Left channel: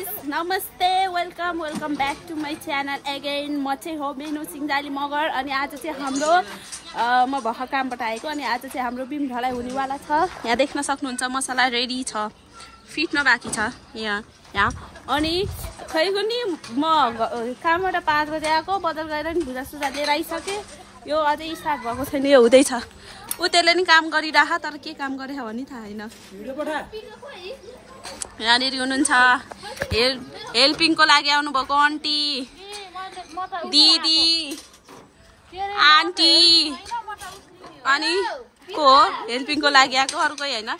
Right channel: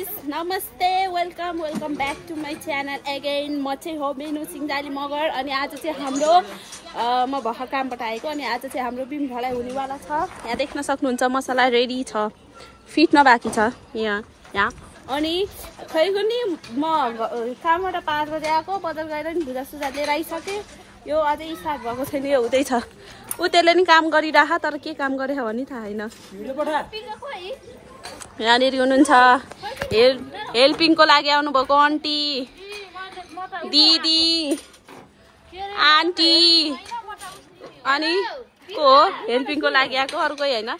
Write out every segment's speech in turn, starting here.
Guys नमस्ते welcome back to my channel again. म चाहिँ हो मेनु सिंहजाली मगर अनि आज चाहिँ हाम्रो म भर्खर कामबाट आएको अनि आज चाहिँ हाम्रो बिम ढलाइ हुनेवाला छ। यहाँ देख्न सक्नुहुन्छ मसला रेडी छ, फिट्न बाँकी छ यहाँ अनि खैको नि म कामबाट 5 बजे आएको, बदल गएर नि भुजा सुजा लिएर आइसकेँ। यो अझै स्टार्ट भएको छैन, यो हुँदैछ। ऊ त्यसले नि काम गरिरह, तर के काम गरे भने थाहा छैन। यहाँनिर हुनुहुन्छ हेल्पिङको लागि आउनुभएको आन्टी, दिदी, आन्टी अनि को हो हेल्पिङको लागि आएको, अर्को होइन।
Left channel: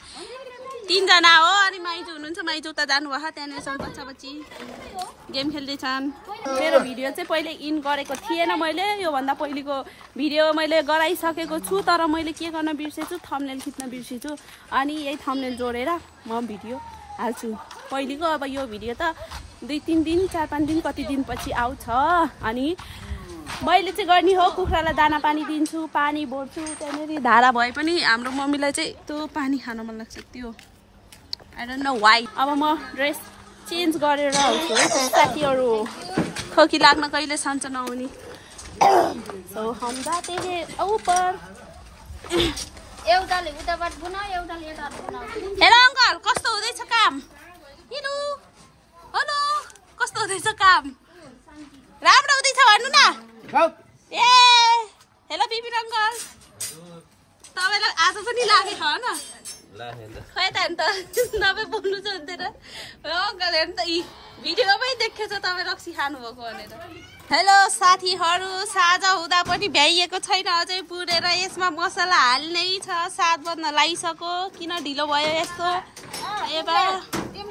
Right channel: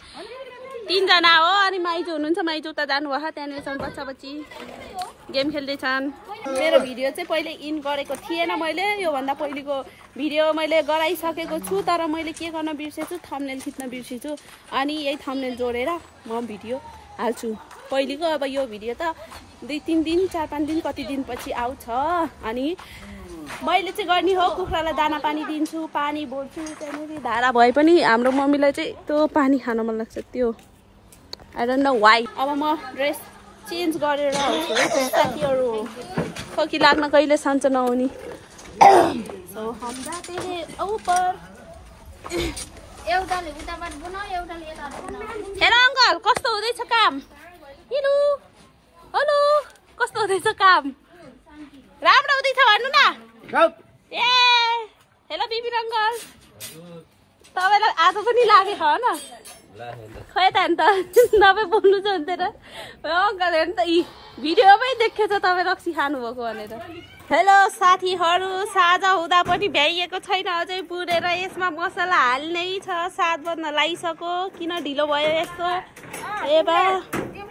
3 जना हो। अनि माइजू हुनुहुन्छ, माइजू उता जानुभयो, त्यहाँनिरसँग बच्चा बच्ची गेम खेल्दैछन्। मेरो भिडियो चाहिँ पहिले इन गरेको थिएन मैले, योभन्दा पहिलेको भिडियो मैले गराइसकेको छु, तर मैले के गर्न बिर्सेछु, थम्बनेल खिच्न बिर्सेछु। अनि यही थम्बनेल जोडेर म भिडियो हाल्छु पहिलेको। अब यो भिडियो त 2-3 दिन 4-5 दिन कति दिनपछि आउँछ। अनि मैले चाहिँ गर्ने हो, कुखुरालाई दाना पानी दिन्छु, पानी भर्छु। त्यहाँनिर धारा भए पनि हाम्रो मम्मीलाई चाहिँ त्यो पानी खान मन लाग्छ, त्यो आई डोन्ट नो वाइ। अब म ड्रेस चेन्ज गरेर आउँछु है साथीहरू, खोकी लाग्न कहिले सन्चो नहुने। सो हम जाते हैं ऊपर। हेलो अङ्कल, कस्तो हुँदैछ काम? हेलो हेलो, कस्तो हुँदैछ काम? राम्रो हुँदैछ भन्नु न। ए हेलो बिपिन अङ्कल, तपाईँलाई आज पनि लागेको हो न? खै त अन्त तपाईँ बोल्नु चाहिँ हुन्थेन अङ्कल, हेर्नु त भिडियोमै देखेको छ तपाईँ रक्सी खानुभएको भनेर। हेलो साथीहरू, साँझ हुँदा पनि भ्याइएको छैन, अझै पुरेर यसमा मसला हाल्नै छ। 7 बज्न लागिसक्यो, किन ढिलो भयो यस्तो? ए बा के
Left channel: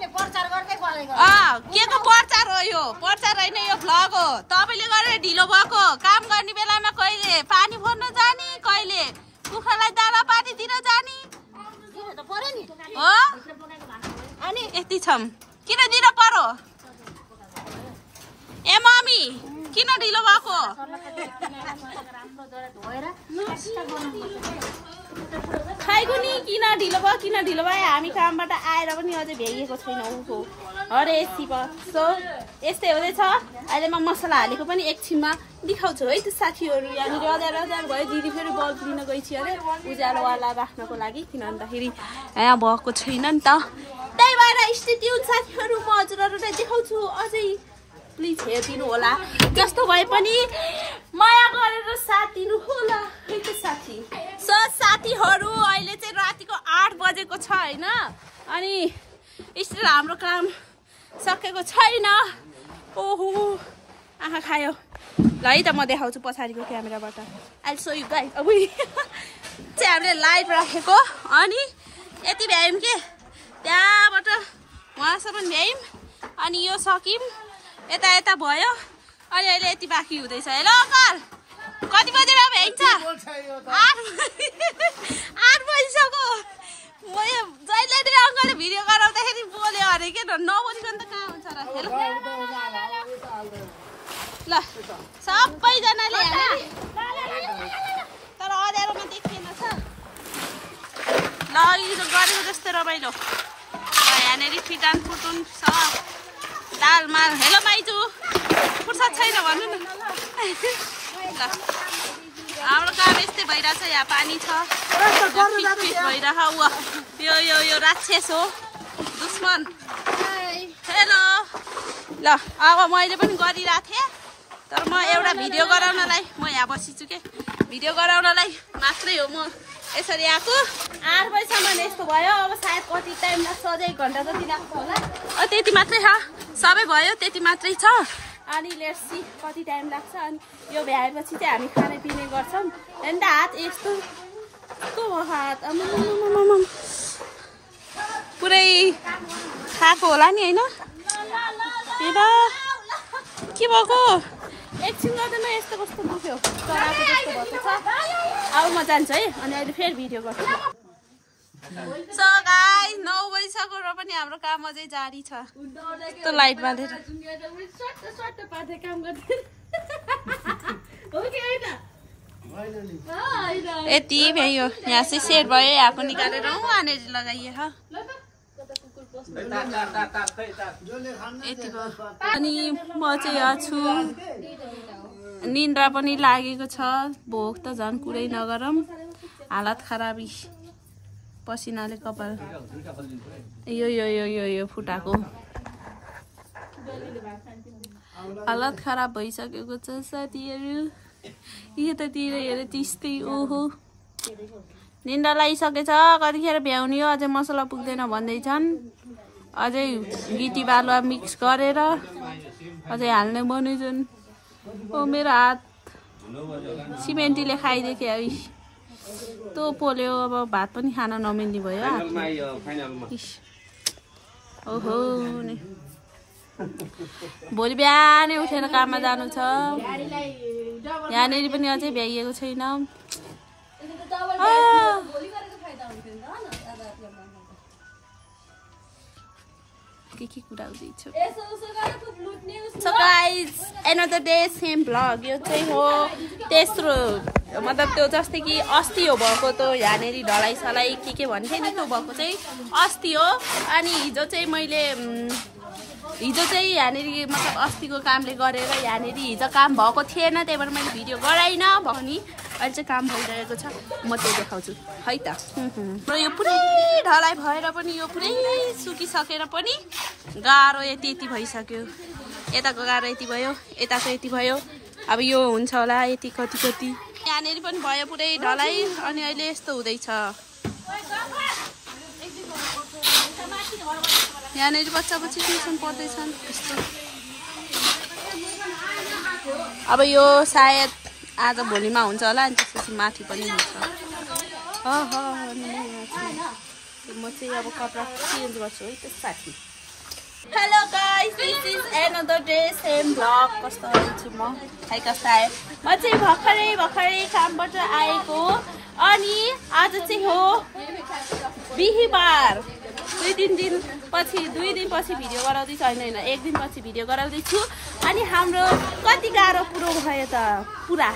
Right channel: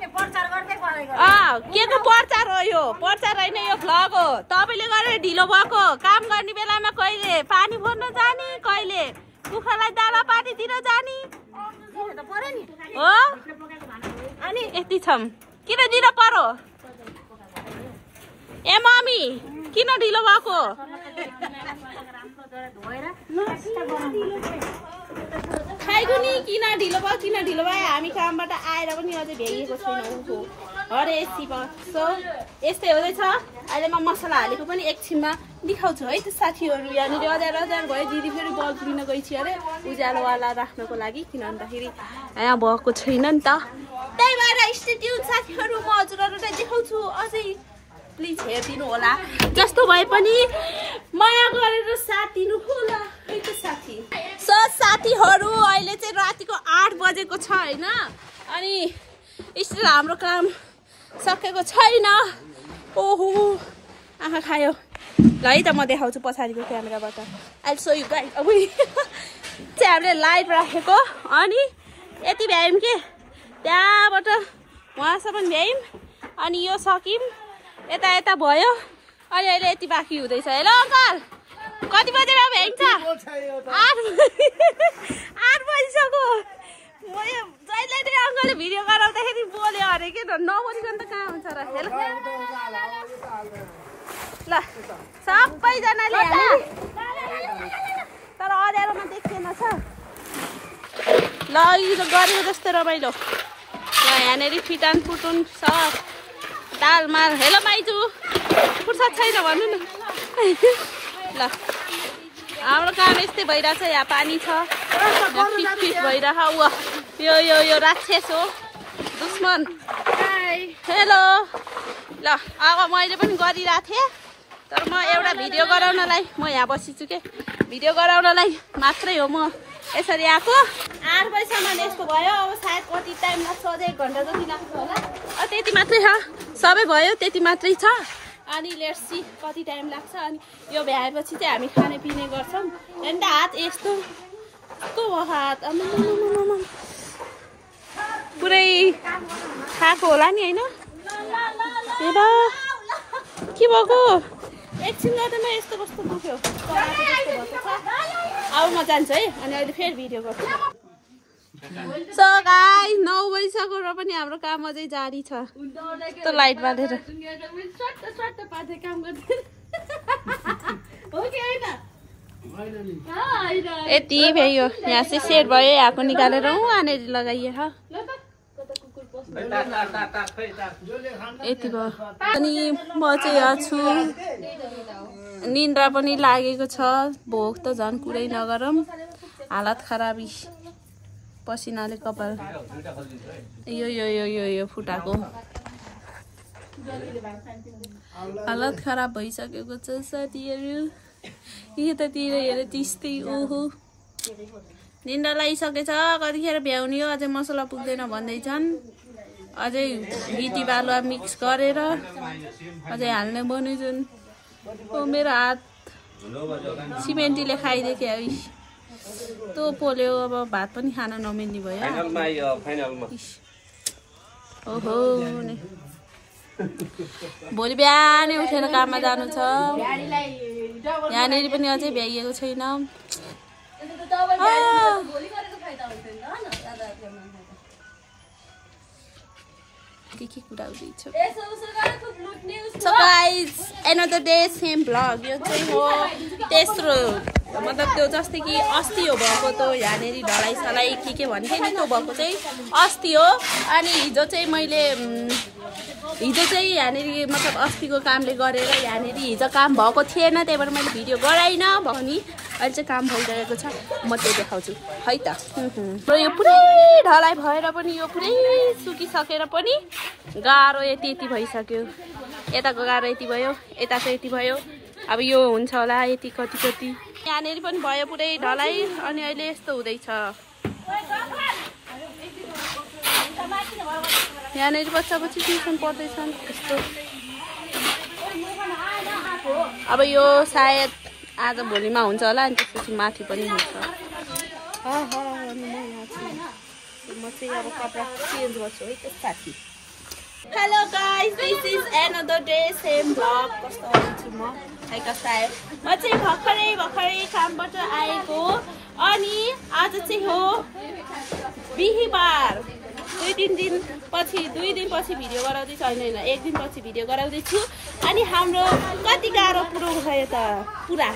को प्रचार हो यो? प्रचार होइन, यो भ्लग हो। तपाईँले गरेर ढिलो भएको। काम गर्ने बेलामा कहिले पानी भर्न जाने, कहिले कुखुरालाई दाना पानी दिन जाने हो। अनि यति छौँ, किन दिन पर्यो? ए मम्मी किन ढिलो भएको? खाइको नि किन ढिलो भयो, किन ढिलो भयो? हामी कामबाट आएर पनि अझै भ्याइएको छैन ऊको हरे शिव। सो यस्तै हुँदैछ। अहिले म मसला हालेको पनि एकछिनमा देखाउँछु है त साथीहरू। यहाँनिर हजार भयो, दिदी फेरि बल्ब लिन गइछि अरे उज्यालोवाला राख्नको लागि, किन भन्दाखेरि यहाँ भएको छैन नि त। त्यही भएर स्टेट्युन साथीहरू, म हजुरहरूलाई देखाउँछु। अझै प्लिज हेरिदिनु होला, जस्तो भए पनि माया गरेर साथ दिनु होला है त साथी। सो साथीहरू, अहिले चाहिँ रातिको 8 बजेको छ होइन, अनि स्टिल हाम्रो काम सकेको छैन। ओहो आँखा खायो। ल है त म देखाउँछु पछाडिको क्यामेराबाट। अहिले सो यु गाइस अब चाहिँ हामीले लाइट राखेको, अनि यति भ्यायौँ कि त्यहाँबाट उहाँसम्म भ्यायौँ, अनि यो सक्यौँ, यता भयो, अनि अहिले यति बाँकी हुँदैछ। हेलो अङ्कल, कति बजेर भ्याइन्छ? 8 बजिसक्यो। म यो जहिले नि अङ्कलले भिडियो गराउँदाखेरि बोल्यो अरे के नबोलिकन त कहाँ हुन्छ र। हेलो ल सबैजनाले तर अँध्यारोमा देखिएन छ। ल यो गरेको जस्तै रमाइलो। ल यहाँनिर फिटान फुटुन छ, दाल मार। हेलो माइजू, फुर्सद छैन भन्नु न। ल हाम्रो काम यस्तै भइरहेछ। यहाँ पानी छ, फिट भइरह। यो राक्षस हो, दुश्मन। हेलो ल अब मैले पनि गरिरहेको थिएँ, तर म एउटा भिडियो गराउनलाई म यहाँ बसिछु के, भिडियो गराउनलाई मात्रै हो म यसरी आएको। 8 बजीसम्म यस्तो भयो। अब सायद कति टाइम लाग्छ, अझै 1 घन्टा जति लाग्छ होला। त्यति मात्रै छ, सबै भयो, त्यति मात्रै छ। अनि लेट्स सी कति टाइम लाग्छ। अनि यो भ्याएपछि चाहिँ हामी खाने पिउने गर्छौँ। अन्त हात यस्तो यस्तो भयो, हात पुरै खाएको होला नि होइन? ए बा के भएको? एकछिन गर्दैन यस्तो कस्तो दुख्यो, चराको जस्तो भएको छ। अब म जान्छु है, अनि अहिले फेरि भिडियो गर्छु। सो गाइस 9 बजिसक्यो र पनि हाम्रो काम अझै जारी छ। त्यो लाइट बालेर यति भयो। यहाँ चाहिँ सेट भयो, यहाँको निकालेर वहाँनिर लगाइए। यति भयो अनि म चाहिँ यहाँ छु निन्द्रा पनि लागेको छ भोक त झन् कुरै नगरौँ हालत खराबी पसिनाले कपाल यो यो यो यो यो फुटाको हालत खराब भइसकेको छ साथीहरू यतातिर हेर त्यस्तै ओहो निन्द्रा लागिसकेछ कतिखेर भ्याउने हो अझै मसला पुग्दैन भन्दैछन् अझै गिटी बालुवा मिक्स गरेर अझै हाल्ने बनाउँछन् ओ मेरो हात सिमेन्टीले खाइदिएको थियो त्यो पोल्यो अब भात पनि खान नमिल्ने भयो ओहो भोलि बिहानै उठेर काममा जानु छ यहाँनिर पनि अझै भ्याइएको छैन के कुरा हुँदैछ So guys, another day same vlog. यो चाहिँ हो तेस्रो मतलब त्यो जस्तै कि अस्ति हो भएको त यहाँनिर ढलाइ सलाई के भन्थे नि त्यो भएको चाहिँ अस्ति हो अनि हिजो चाहिँ मैले यहाँनिर मतलब अस्तिको कामले गरेर यहाँनिर हिजो काम भएको थिएन त्यही भएर मैले भिडियो गराइनँ भने अहिले चाहिँ काम भइरहेको छ म त्यो देखाउँछु है त र यो पुरै ढलाइ भएर पनि यो पुरै सुकिसकेर पनि गाह्रो यति भइसक्यो यताको गाह्रो यति भयो यताको यति भयो अब यो हुन्छ होला यति कति यहाँनिर पनि भयो पुरै ढलाइ अनि अहिले यस्तो हुँदैछ यहाँनिर बच्चा ट्युसन पढ्दैछन् यस्तो अब यो सायद आज भोलिमा हुन्छ होला अनि त्यसपछि माथि पनि हुन्छ म चाहिँ अब कपडा चेन्ज गर्छु है त्यसपछि hello guys this is another day same vlog कस्तो छु म है कस्तो आयो म चाहिँ भर्खरै कामबाट आएको अनि आज चाहिँ हो बिहीबार दुई दिन पछि भिडियो गराउँदैछु होइन एक दिन पछि भिडियो गराउँदैछु अनि हाम्रो कति गाह्रो पुरो भयो त पुरा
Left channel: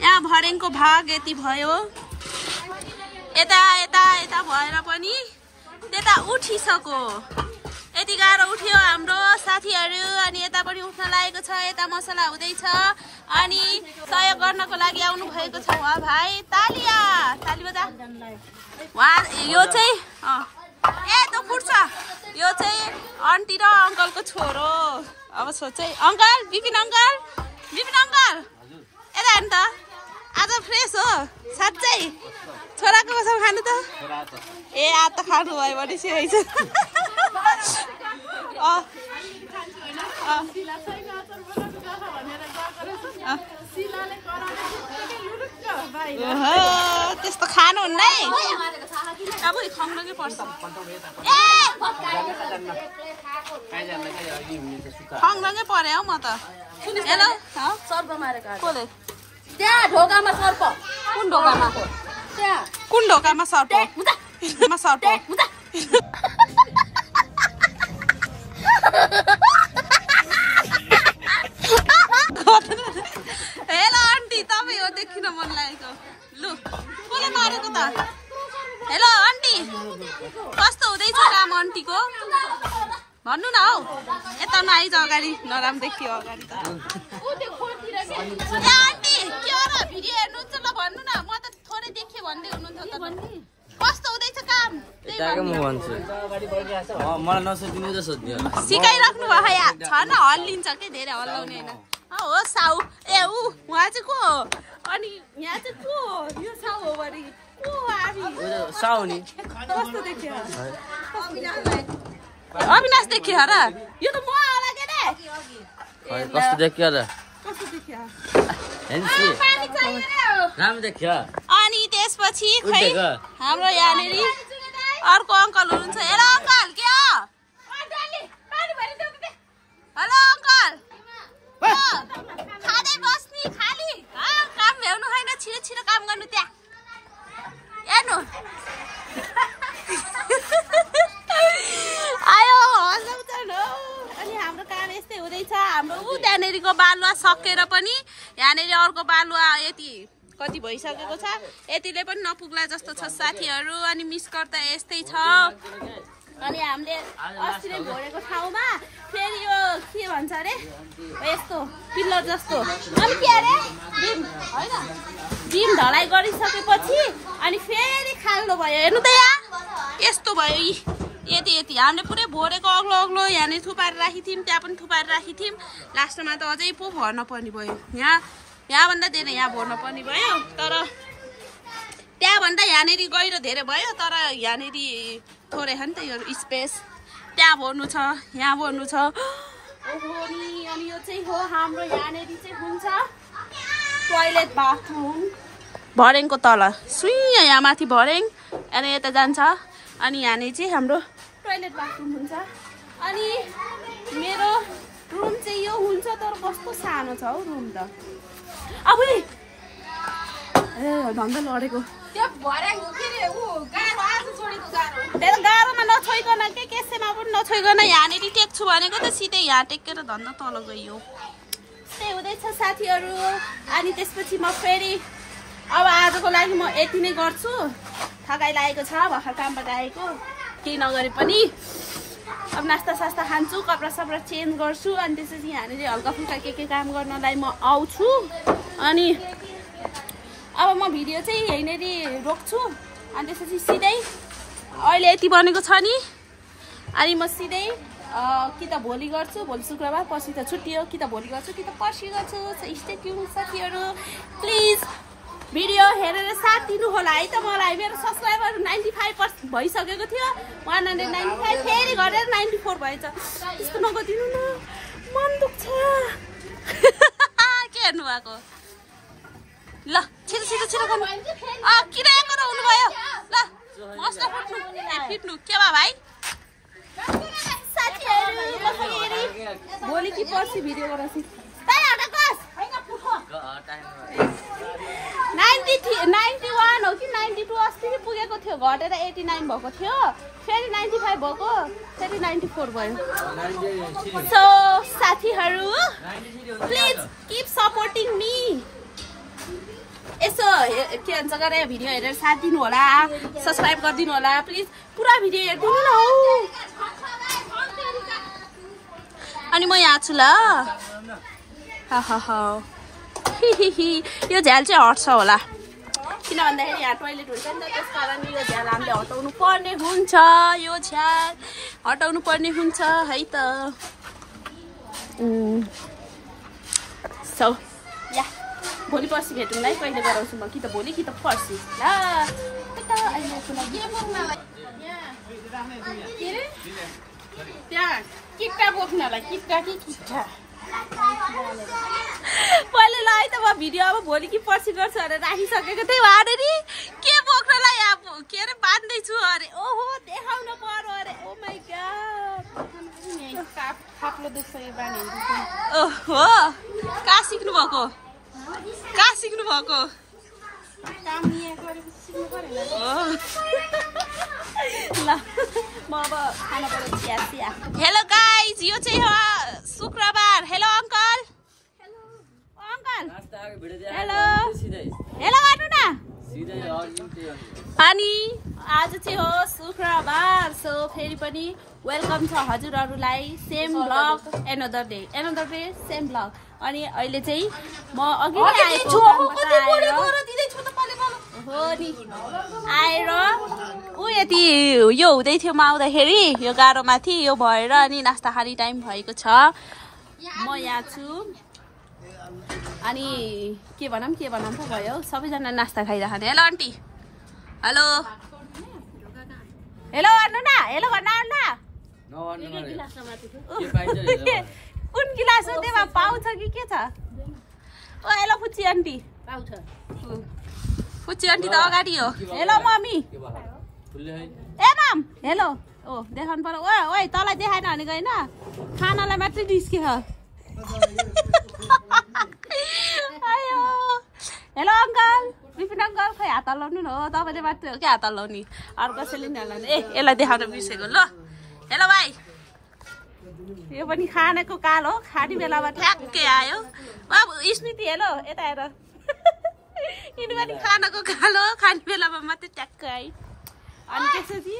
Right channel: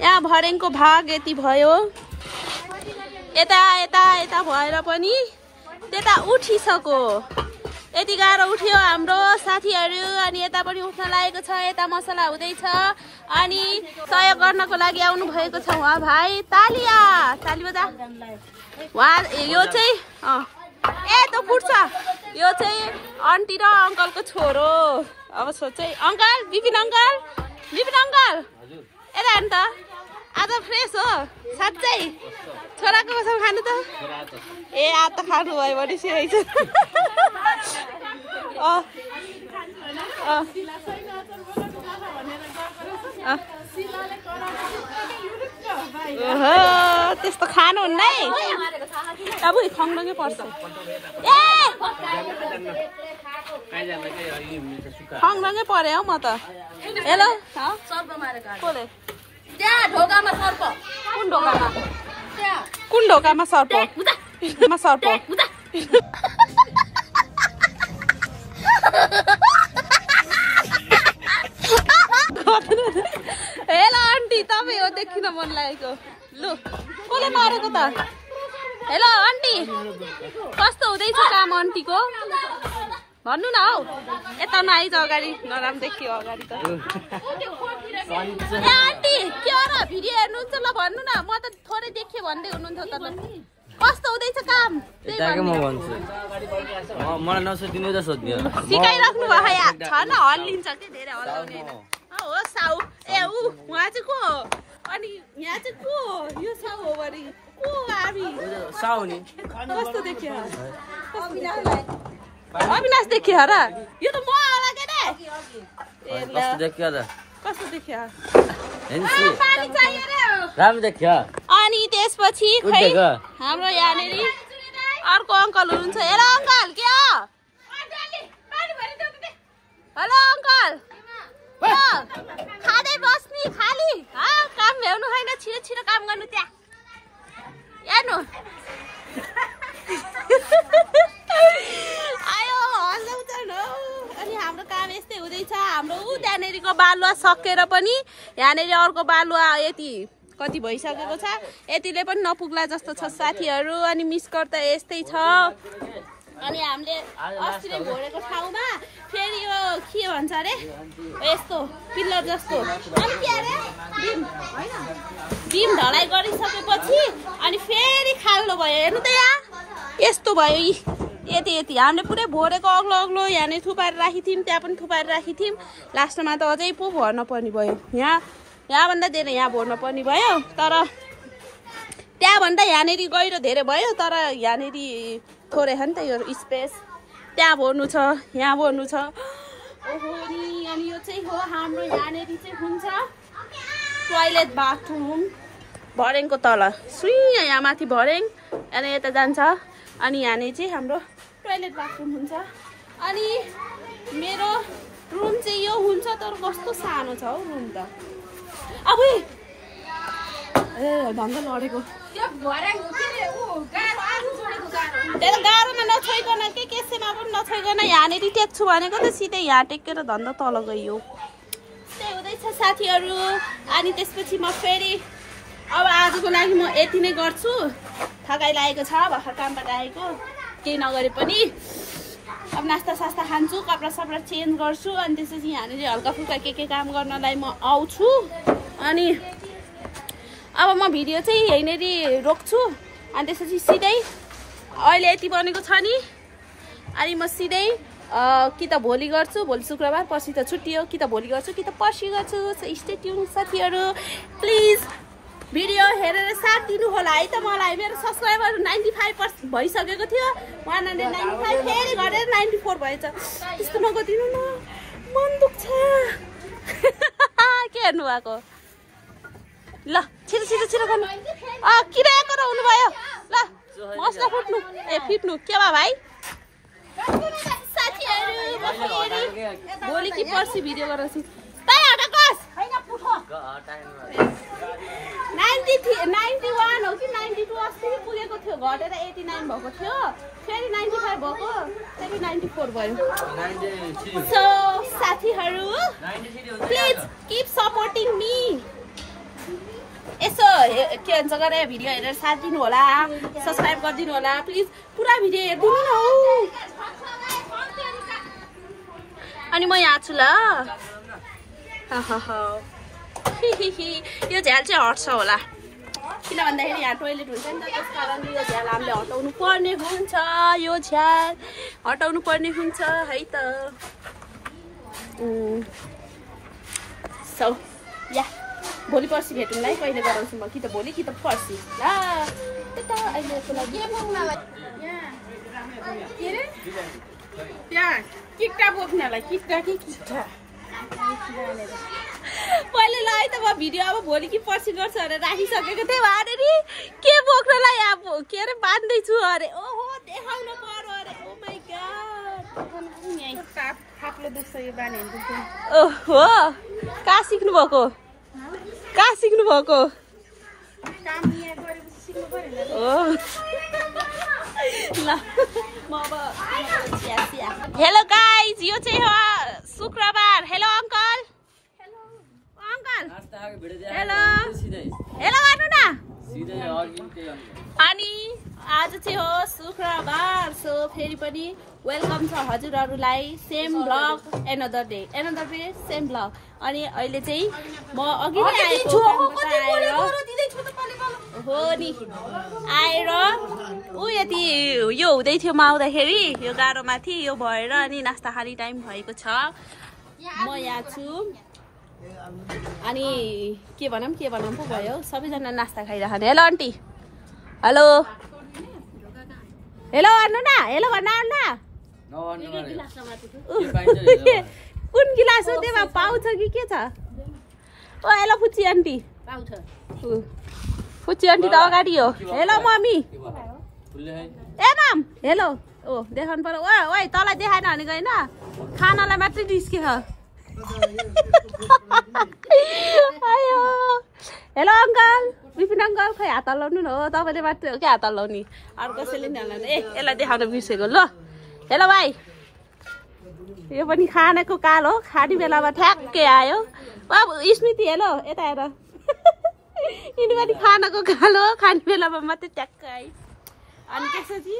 यहाँ भरेङको भाग यति भयो यता भएर पनि त्यता उठिसक्यो यति गाह्रो उठ्यो हाम्रो साथीहरू अनि यता पनि उठ्न लागेको छ यता मसला हुँदैछ अनि सहयोग गर्नको लागि आउनु भएको छ उहाँ भाइ ताली बजा उहाँ यो चाहिँ त्यो फुट्छ यो चाहिँ आन्टी र अङ्कलको छोरो अब सोचै अङ्कल विपिन अङ्कल यता हेर्नु त आज फ्रेस हो साँच्चै छोराको कसम खानु त ए आज त खानु भयो भने सिआइछ त्यस्तो खानुहुन्न है अब खङ्गै पर्छ खङ्गै परे हौ म त हेलो कसले कुन ढोकामा सर्प हेलो आन्टी तपाईँ हो देखिन मन लागेको लु कसले मारेको त हेलो आन्टी कस्तो हुँदैछ काम आन्टीको भन्नु न हौ यता नआइज अगाडि नराम्रो देखियो अगाडि त ए आन्टी के हो र भिडियो हेर्नुहुन्छ ल भन्नु न म त थोरै देखेँ भन्दै हुनुहुन्थ्यो त कस्तो हुँदैछ काम मलाई नसोधिने त सोध्यो सिकाइराख्नु भयो या छ न हल्लिन्छ के धेरै हल्लाउने होइन हो साउ ए उहाँ चाहिँ को हो अनि यहाँ चाहिँ को हो यो साउ हो भने को हामी साउ नि कस्तो देखियो अविनाश देखियो र यो त म होला के रे कस्तो देखियो र कस्तो देखियो राम्रो देखियो अनि त्यसपछि खै हाम्रो यहाँनिर अर्को अङ्कल हुनुहुन्छ हेर अङ्कल के हो हेलो अङ्कल खाँदै बस्ने खाली काम भ्याउनु होइन छिटो काम गर्नु त्यहाँ हेर्नु आयो हँसाउँछन् हौ अनि हाम्रो काम यस्तै हुँदैछ हाम्रो त्यहाँनिरको बालुवा सकेर पनि यहाँनिर अर्को बालुवा यति कति भइसकेको छ यतिले पनि नपुग्ला जस्तो छ साथीहरू अनि मिसकर त यस्तै छ अनि हामीले अस्ति नै भोरेको ठाउँमा फेरि यो के भन्छ अरे यस्तो पिल्लर जस्तो अनि के अरे बिम ढलाइ गरिसकेपछि अनि फेरि खाल्लो भयो हेर्नु त यहाँ यस्तो भयो यति हामीले पुरै भोरेको अग्लो यहाँनिर थुपाएर राखिथ्यौँ त्यहाँ पनि थुपाएर राखिथ्यौँ लास्टमा त अझै पो भर्न पर्ने भयो यहाँभन्दा धेरै यहाँ भर्न पर्ने भयो तर त्यहाँभन्दा यहाँनिर गहिरो धेरै भयो तर यहाँनिर थोरै छ नि त यो स्पेस त्यहाँ भर्नु छ यहाँ भर्नु छ ओहो नि अनि यो चाहिँ हो हाम्रो यहाँनिर चाहिँ हुन्छ टोयलेट बाथरुम भरेङको तल सुइँ यहाँ माथि भरेङ अनि यता जान्छ अनि यहाँनिर चाहिँ हाम्रो टोयलेट बाथरुम हुन्छ अनि मेरो रुम चाहिँ यो हुन्छ तर कस्तो सानो छ हौ रुम त अब ए धन्दा लडेको त्यही गाह्रोमा नछोइकन के केसेमा पनि नछोइकन यहाँनिर टेक्छु भनेको त सिधै यहाँ टेकेर धन्दा तल गयो त्यही हुँदैछ साथीहरू अनि त्यसपछि म फेरि अब आजको लागि म यति नै गर्छु थकाइ लागेको छ भर्खर कामबाट आएको केही नगरे पनि अब नास्ता सास्ता खान्छु कपडा सपडा चेन्ज गर्छु अनि त्यसपछि यहाँनिर हल्का फुल्का के काम गर्नलाई म आउँछु अनि अब म भिडियो चाहिँ यहीँनिर रोक्छु अनि त्यसपछि सिधै अहिले यति बनेको छ नि अनि म सिधै कि त भोलि गर्छु भोलि शुक्रबार पर्सि त छुट्टी हो कि त भोलि गर्छु कि त पर्सि गर्छु स्टे ट्युन साथीहरू प्लिज भिडियो हेरेर साथ दिनु होला है त मलाई मेरो सब्सक्राइबर 95% भइसकेको थियो 195 फेरि गरेर 94 भएछ त्यस्तो नगरिदिनु न मन दुख्छ के हेर्नु भएको ल छिटो गर्नु किराको र हुनुभयो ल मसला फुट्नु फिट्नु के भयो भाइ साथीहरू भोलि कि पर्सि भिडियो गराउँछु 91 हो कि 92 अस्ति पुगेको थियो घटेर 89 भएको थियो फेरि 95 भएको फेरि 94 भयो सो साथीहरू प्लिज किप सपोर्टिङ मी यसो के भन्छ गरे भिडियो हेरेर साथ दिनु होला सब्सक्राइब गरिदिनु होला प्लिज पुरा भिडियो हेरिदिनु न हौ अनि म यहाँ छु ल यो झ्याल चाहिँ हट्छ होला किन भन्दाखेरि यहाँ टोइलेट हुन्छ नि त त्यस कारण यो झ्याल हामीले हटाउनु पर्ने हुन्छ यो झ्याल हटाउनु पर्ने हुन्छ है त सो या भोलि पर्सि भेटौँला है कहिले गराउँछु म कि त भोलि कि त पर्सि ल अहिलेको लागि के अरे त्यहाँ किट्टा बोक्नलाई किट्टा कि किट्टा मैले ल है त म भिडियो अब भोलि कि पर्सि गर्छु अरे राखिसकेको थिएँ अरे नि के बोक्नलाई अब के अरे बाँध्दैछु अरे ओहो देखाउन पर्यो अरे ओ माई गॉड थाप्लो दुख्छ यो बानी ओहो कहाँ सिक्नु भएको ल म अब खाना बनाउँछु हेलो गाइज यो चाहिँ हो शुक्रबार हेलो अङ्कल हेलो हेलो गर्नु न अनि आज चाहिँ हो शुक्रबार सो फेरि पनि वेलकम छ हजुरहरूलाई same blog another day same blog अनि अहिले चाहिँ म अघि नै आएको कामबाट आएर हो नि आएर यति यो हुँदै थियो म आउँदाखेरि यो गाह्रो माथि यो भएर अनि नास्ता खाने टाइम भएको छ म यहाँ छु अनि के भनौँ पो भयो सबैजना नास्ता खाइराख्ने हेलो आन्टी हेलो हेलो भन्नु न हेलो भन्न कुन गिलास हो त्यसमा पाउँछ कि के छ ओ हेलो फुच्ची आन्टी पाउँछ फुच्ची आन्टी त अगाडि हो हेलो मम्मी ए माम हेलो ओ देखाउनु पर्यो ओ तँलाई देखाएन भनेको होइन खानालाई मात्रै निस्किन्छ हेलो अङ्कल विपिन अङ्कल खै हात हल्लाउनु न हो तपाईँले मात्रै हो कि हात हल्लाउने अरू कसैले नि हल्लाउनु यसलाई देखाउन बिर्सेको ल हेलो भाइ यो पनि खानेको काल हो खाने बेलामा ठ्याक्कै आयो अब स्मृति हेलो यता हेर यिनी पनि खानाको काल हो खाने बेलामा मात्रै ट्याक्कै आयो अनि त्यसपछि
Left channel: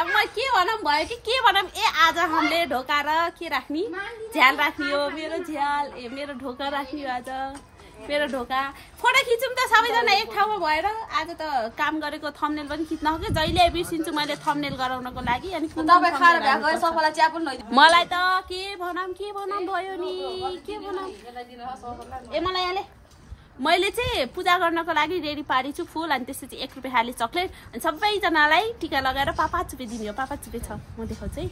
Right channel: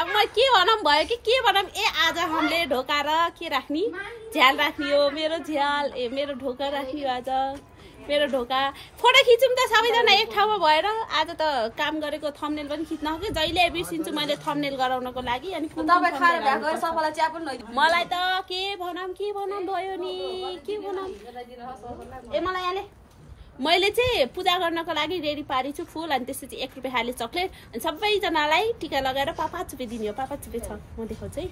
अब म के भनौँ भयो कि के भनौँ ए आज हामीले ढोका र के राख्ने झ्याल राख्ने हो मेरो झ्याल मेरो ढोका राख्ने हो आज मेरो ढोका फोटो खिचौँ त सबैजना एक ठाउँमा भएर आज त काम गरेको थम्बनेल पनि खिच्न हो कि जहिले बिर्सिन्छु मैले थम्बनेल गराउनको लागि अनि मलाई त के भनौँ भयो नि के भनौँ ए मलाई यहाँले मैले चाहिँ पूजा गर्नको लागि रेडी पारेछु फुल अनि त्यसपछि 1 रुपियाँ खाली चक्लेट अनि सबैजनालाई टिका लगाएर पापा चुपे दिने हो पापा चुपे छ म देखाउँछु है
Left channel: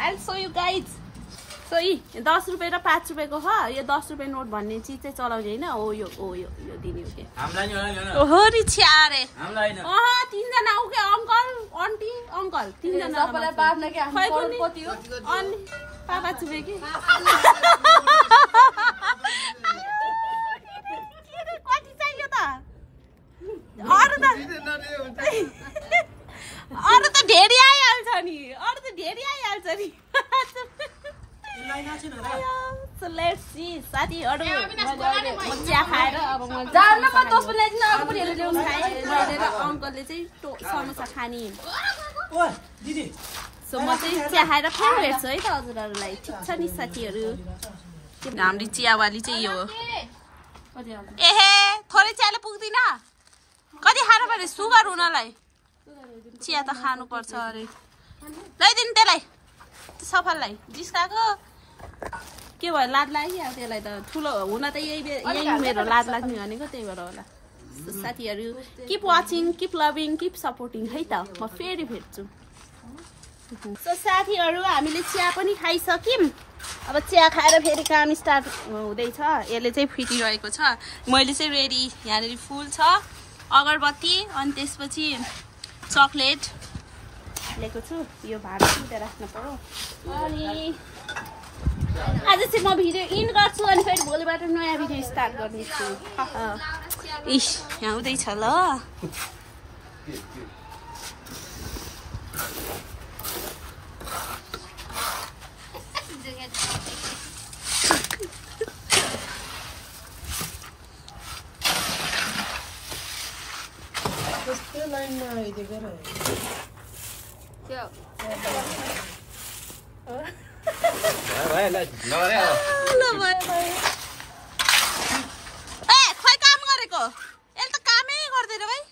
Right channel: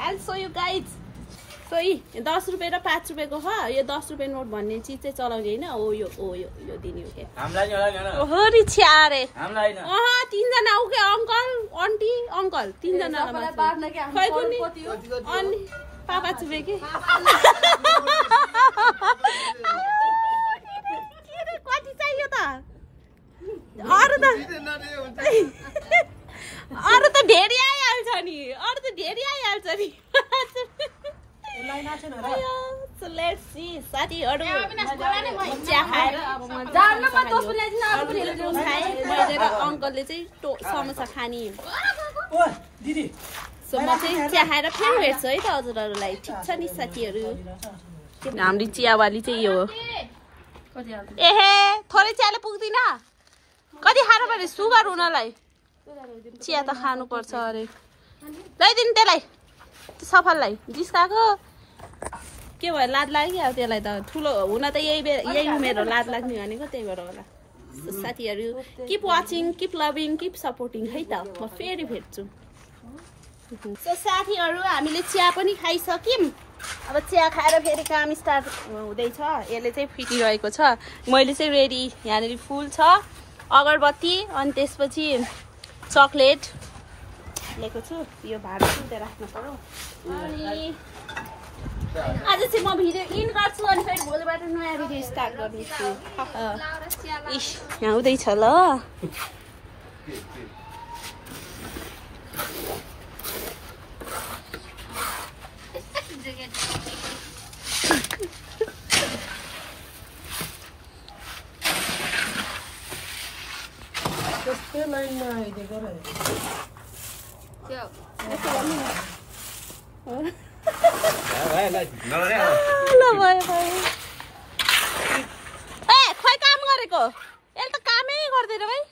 I'll show you guys. So 10 रुपियाँ र 5 रुपियाँको हो यो 10 रुपियाँ नोट भन्ने चिज चाहिँ चलाउने हैन हो यो दिने हो के हो रि छ्यारे तीनजना उ के अंकल आन्टी अंकल तीनजना खै कुनी अनि पापा चुबे के कति चाहियो त अरु त ढेरी आइहाल्छ नि So let's see साथीहरु म चिया खाएर अब म मैले र अंकलले चाहिँ समोसा खानी सो म चाहिँ चिया खाएर फेरि भेट्छु है त हजुरहरुलाई ठीक छ नि साथीहरु हाम्रो चियावाली चाहिँ यो हो एहे थोरै चियाले पुग्दिन कति खानु पर्ने सुगर हुनलाई चिया त खानु पर्छ अरे ल्याइदिनु त्यसलाई सफललाई जिस्काको के भयो लाज लाग्यो अब त्यसलाई त ठुलो हुन त यही उमेर हो लाज लाग्ने भनेको त्यही भएर होला साथीहरु keep watching keep loving keep supporting है त म फेरि भेट्छु सो साथीहरु हामीले चिया पनि खाइसक्यौं अब चिया खाएर फेरि काम स्टार्ट हुँदैछ यसले चाहिँ फिटिरहेको छ मैले चाहिँ रेडी यहाँनेरि फुल छ अगरबत्ती अनि त्यसपछि चकलेट लिएको छु यो भाडा चाहिँ राख्नु पर्यो अनि आज चाहिँ म भिडियो इन गर्छु अनि फेरि भोलिबाट नयाँ भिडियो स्टार्ट गर्नेछु इस यहाँ हुँदैछ ल लाइनमा आइदिएको र खोइ काम गरेको यसले त कामै गर्दैन भाइ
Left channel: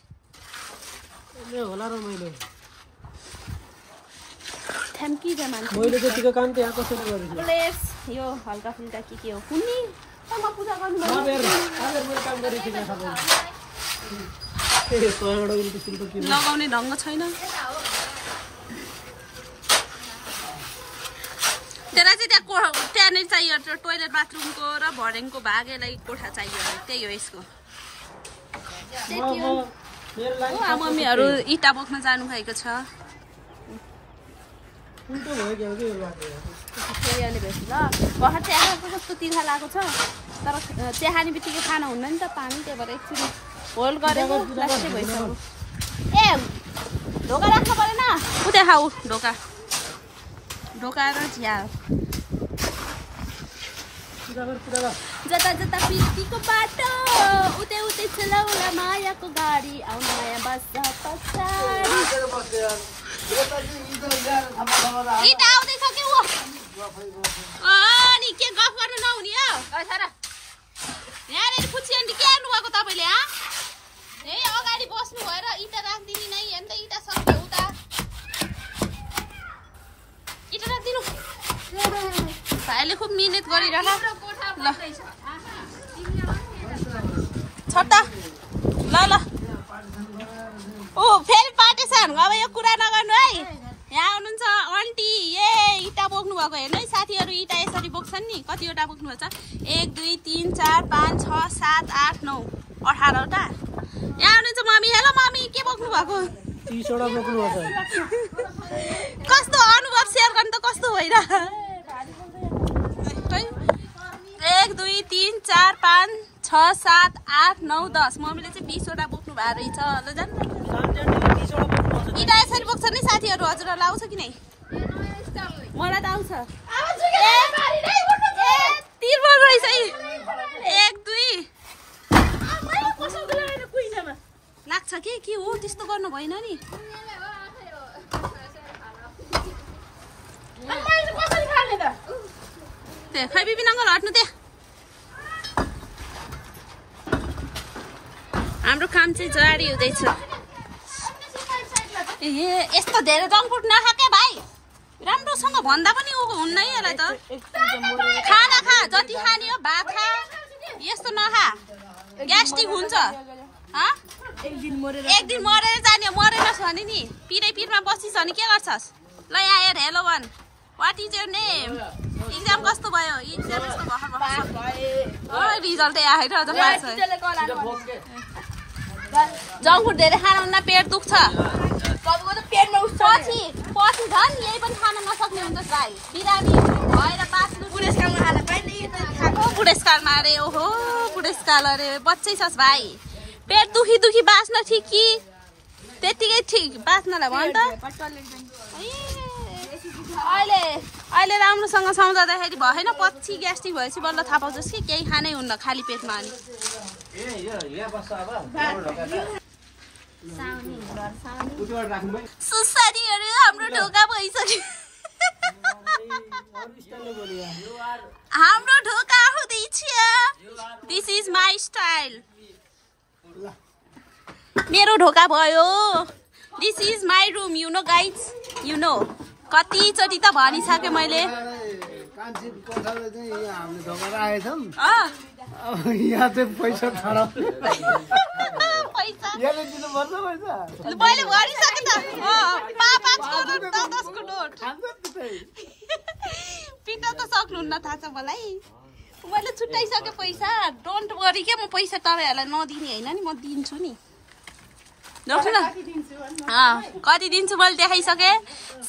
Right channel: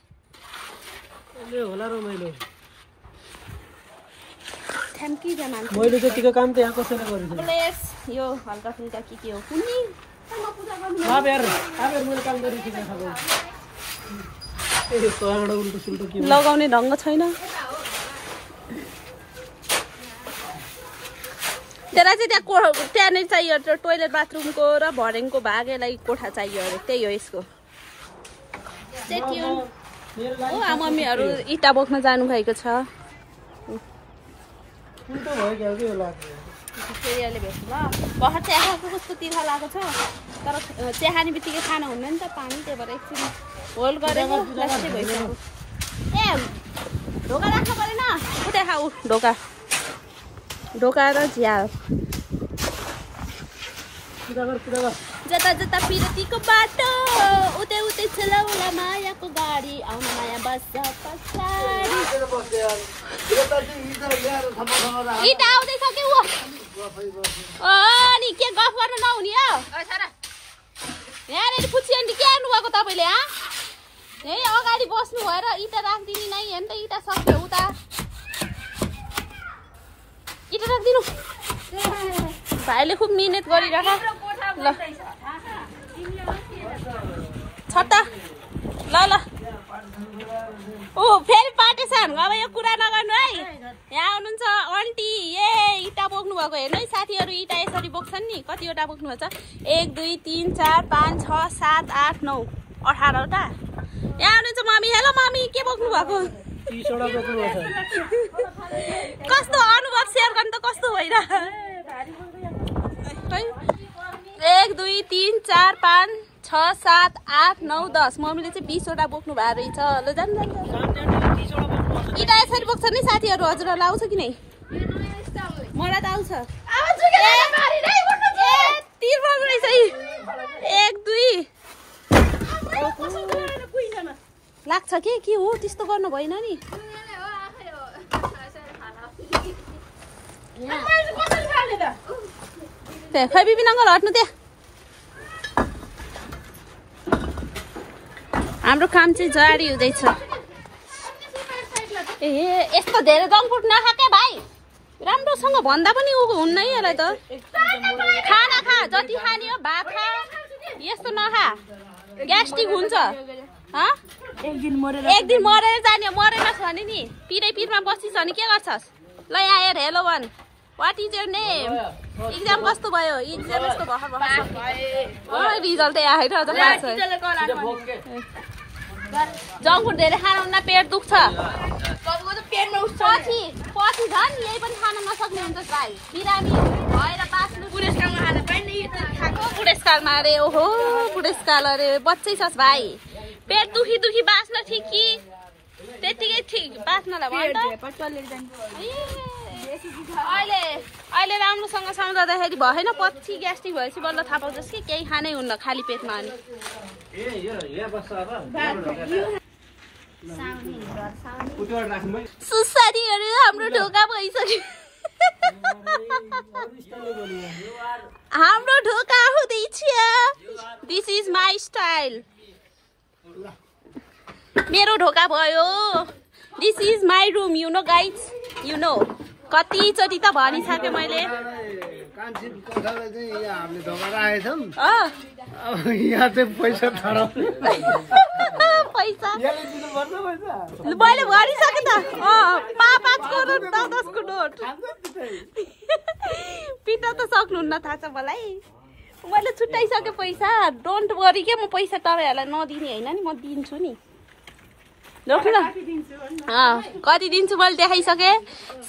होला र मैले थ्याङ्क यू मान्छे मैले जतिको काम त यहाँ कसरी गर्नु अब लेस यो हल्का फुल्का के हो कुन्नी म पूजा गर्नु अब मैले काम गरिसकेँ सबै लगाउने ढङ्ग छैन त्यसलाई चाहिँ त्यहाँनिर चाहियो टोइलेट बाथरुमको र भरेङको भागेलाई कोठा चाहियो अरे त्यही हो यसको हो मम्मीहरू इँटा बोक्न जानु भएको छ फेरि अहिले भेट्छु ल भर्खर चिया खाएको कस्तो तिर्खा लागेको छ तर चिया खाने बित्तिकै खाना हुन्न नि त पानी त्यही भएर एकछिन होल गरेको लास्टै भइसक्यो ए ढोका राख्नु परेन उ देखाऊ ढोका र झ्याल जता जता पिरतीको बाटो उतै उतै चलाउला मायाको गाडी आउन माया बस पछाडि इटा आउँदैछ के हो अनि के गफ गर्न नहुने हो यहाँनिर पुच्छी आन्टी के आउनुभएको तपाईँले यही अगाडि बस्नु भएर इँटा राखिदिने नै हेर्नु त इँटा सक्यो उता इँटा राखिदिनु भाइले खुब मिहिनेत गरिरह ल छ त ल ओ फेरि पार्टेसन अब यो कुरा नगर्नु है यहाँ आउनुहुन्छ आन्टी ए इँटा बोक्नु भएको हेर्नु है साथीहरू इँटा यसरी बोक्छन् नि कतिवटा बोक्नु भएको छ 1 2 3 4 5 6 7 8 9 18वटा यहाँ आउनुहुन्छ मम्मी हेलो मम्मी के बोक्नु भएको 30 वटा बोक्नु भएको कस्तो अनुभव शेयर गर्नु त कस्तो होइन 1 2 3 4 5 6 7 8 9 10 मम्मीले चाहिँ 20 वटा बोक्नु भएको रहेछ ल जानु इँटा यसरी बोक्छ नि साथीहरू हजुरहरूलाई आउँछ कि नै मलाई त आउँछ ए तिर्मा रहेछ 1 2 लाग्छ के हो त्यस्तो गर्नु भएन नि खै बिबी नङ्गल हट्नु त्यहाँ हाम्रो काम चाहिँ जारी हुँदैछ ए यस्तो धेरै जङ्क फुड नखा क्या भाइ राम्रोसँग भन्दा पनि ऊ हुन्न है यसलाई त खाना खा जति खाने हो भात खा यस्तो नखा ग्यास्ट्रिक हुन्छ एक दिन मरेर जाने मरेनस् भने नि पिरमा बसिस् भने के गर्छस् ल यहाँ हेर हेलो भन what is your name exam कस्तो भयो एक्जाम यस्तो भर्खर रिजल्ट आएर अझ पास जङ्क फुड धेरै खानु पेट दुख्छ पछि झन् यही पनि खान नसक्ने हुन्छ भाइ बिरामी भएर बाँच्नु बुढेसकालमा अरे ओहो बुढेसकाल अरे बच्चै छस् भाइ पेट दुखी बाँच्न ठिक कि त्यतिकै ठिक बाँच्नलाई भन्छ अहिले राम्रोसँग सम्झाउँदाखेरि भएन पछि ग्यास्ट्रिक भएपछि बल्ल थाहा पाउँछस् कि केही खानै हुन्न खाली पेटमा अनि सुसारीहरू हाम्रो ढोका भइसक्यो हाम्रो ढोका हुँदैछ दिस इज माई स्टाइल मेरो ढोका भयो this is my room you know guys you know कतिचोटि त भनिसकेँ मैले मैले भनिसकेँ त 5 करोड 10 करोड पिट्न त सक्नुहुन्न थाहा छ मलाई मैले छुट्याइसकेँ पैसा डोन्ट वरी के म पैसा तपाईँहरूलाई नदिने होइन नि म दिन्छु नि देख्नु न कति दिन्छु मैले देखाइसकेँ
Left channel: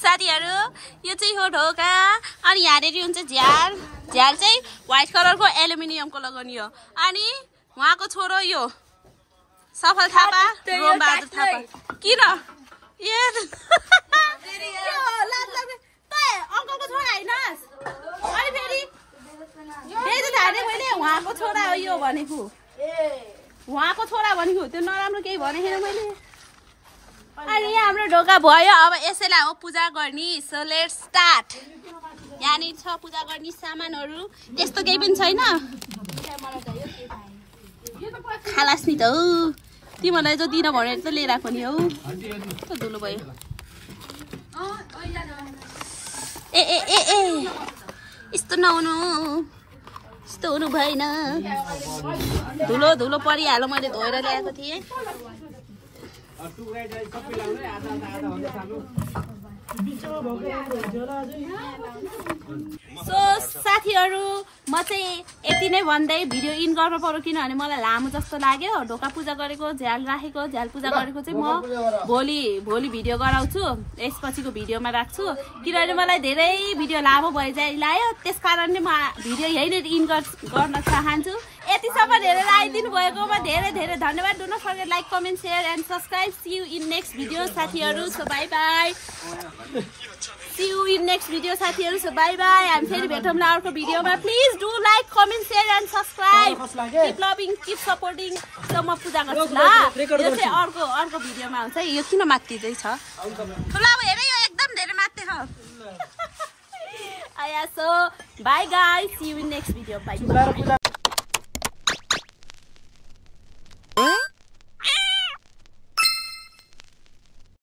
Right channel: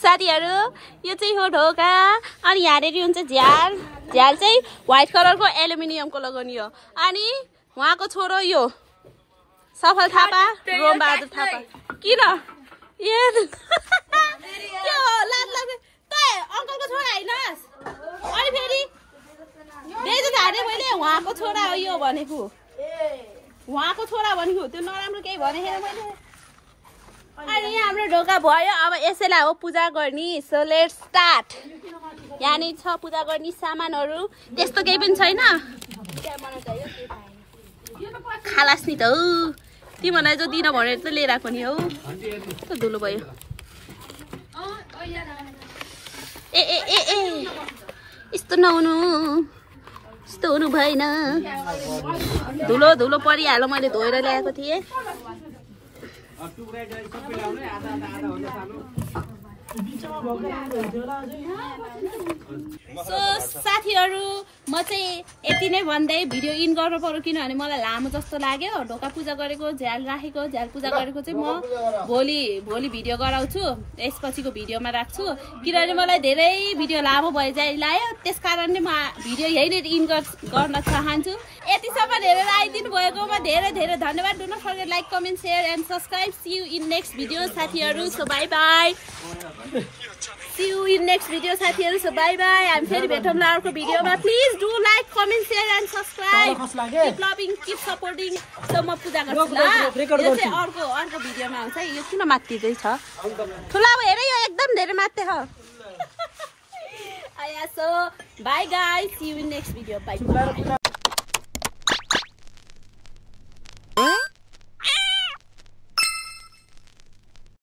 साथीहरू यो चाहिँ हो ढोका अनि यहाँनिर हुन्छ झ्याल चाहिँ व्हाइट कलरको एल्युमिनियमको लगाउने हो अनि उहाँको छोरो यो सफल थापा रोमबहादुर थापा किन ए के हो लाज लाग्ने त अङ्कलको छोरा हैनस् अनि फेरि बेइज्जत हाने मैले उहाँको छोरा हो यो भनेको उहाँको छोरा भनेको त्यो नराम्रो केही भनेको छैन मैले अनि हाम्रो ढोका भयो अब यसैलाई हो पूजा गर्ने सो लेट्स स्टार्ट यहाँनिर छ पूजा गर्ने सामानहरू त्यस्तो केही पनि छैन खालास नि त हौ तिमीहरूलाई जो दिन भनेर त लिएर आएको नि हौ त धुलो भयो ए यस्तो नहुनु यस्तो हुनु भएन धुलो परिहाल्यो मैले धोएर ल्याएको थिएँ सो साथीहरू म चाहिँ यति नै भन्दै भिडियो इन गर्नु पर्यो किनभने मलाई लामो जस्तो लाग्यो ढोका पूजा गरेको झ्याल राखेको झ्याल पूजा गरेको चाहिँ म भोलि भिडियो गराउँछु यसपछिको भिडियोमा राख्छु किनभने मलाई धेरै भिडियो लामो भए चाहिँ लाग्यो त्यस कारणले म भिडियो यहीँनिर इन गर्न चाहन्छु यतिसम्म हेरेर आइदिनु भएकोमा धेरै धेरै धन्यवाद do not forget like comment share and subscribe see you in next video साथीहरू so bye bye See you in next video साथीहरू so bye bye हामी फेरि भेटौँला अर्को भिडियोमा please do like comment share and subscribe keep loving keep supporting so म पूजा गर्छु ल यो चाहिँ अर्को भिडियोमा हुन्छ यो किन मात्तिदै छ ठुला अब हेरे यो एकदम धेरै मात्ते छ आया so bye guys see you in next video by